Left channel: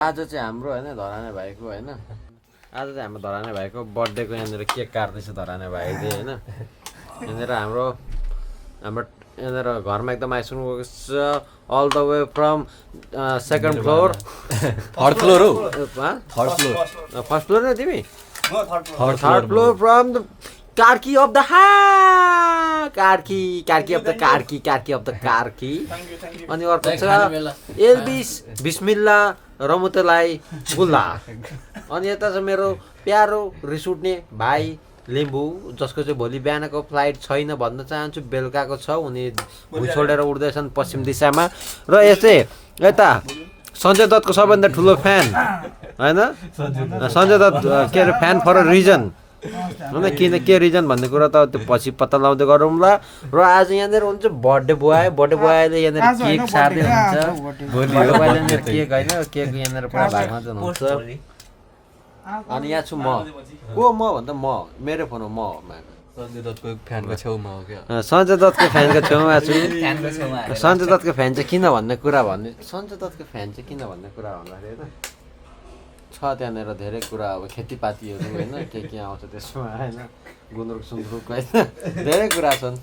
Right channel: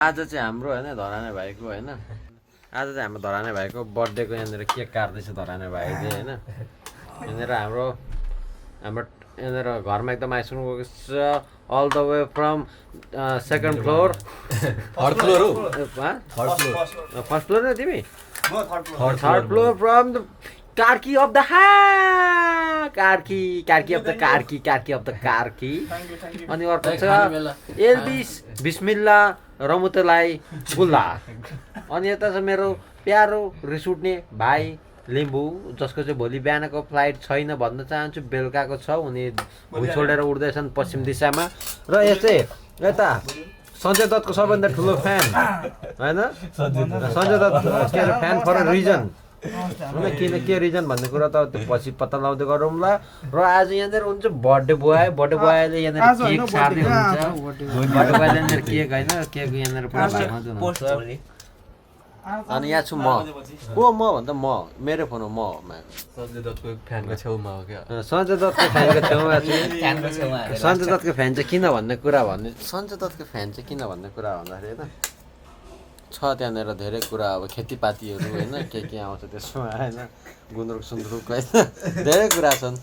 आज चाहिँ हाम्रो होइन धराने भाइको होइन आज चाहिँ हाम्रो धराने भाइको बर्थडेको यहाँनिर केक काट्दैछ धराने भाइले होइन यहाँनिर हाम्रो यहाँनिर घरमा एकदम आइसक्नु गएको छ all the way from second floor third floor हो फर्स्ट फ्लोर न तिमी थर्ड फ्लोर फ्रम द कार्की अफ द कार्की अफ द कार्की अनि अर्को छ एल्बिस बिस्मिल्ला रमुतलाई गुल्ला अनि यता छ मेरो प्यारो रिस उठ्ने भाइ लिम्बू जसको चाहिँ भोलि बिहानको फ्लाइट छैन भन्न चाहन्छु बेलुकाको छ उनी भुइँ छोडेर उड्दैछन् पश्चिम दिशामा र यस्तै यता सञ्जय दत्तको सबभन्दा ठुलो फ्यान होइन सञ्जय दत्त के अरे फ्यान फर अ रिजन होइन किन के रिजन भन्ने कुरा त त्यो पछि पत्ता लगाउँदै गरौँला र आज यहाँनिर हुन्छ बर्थडे बोयले यहाँनिर केक सार्दै हुन्छ बर्थडे बोयले यहाँनिर केक होइन केक यहाँनिर पुरा भागमा हुन्छ अनि यहाँ छु म को म भन्दा म मेरो फोन हो म सञ्जय दत्तको फ्यानको छेउमा हो क्या सञ्जय दत्तको फ्यानको छेउमा छु सञ्जय दत्तको फ्यान चाहिँ किन भन्ने कुरा भन्ने सञ्जय दत्तको फ्यान चाहिँ किन भन्ने कुरा भन्दाखेरि होइन छ त्यहाँनिर धेरै कुरा अब खेतीपातीहरू होइन के आउँछ त्यसमा होइन गुन्द्रुक सुन्द्रुक होइन धेरै कुरा छन्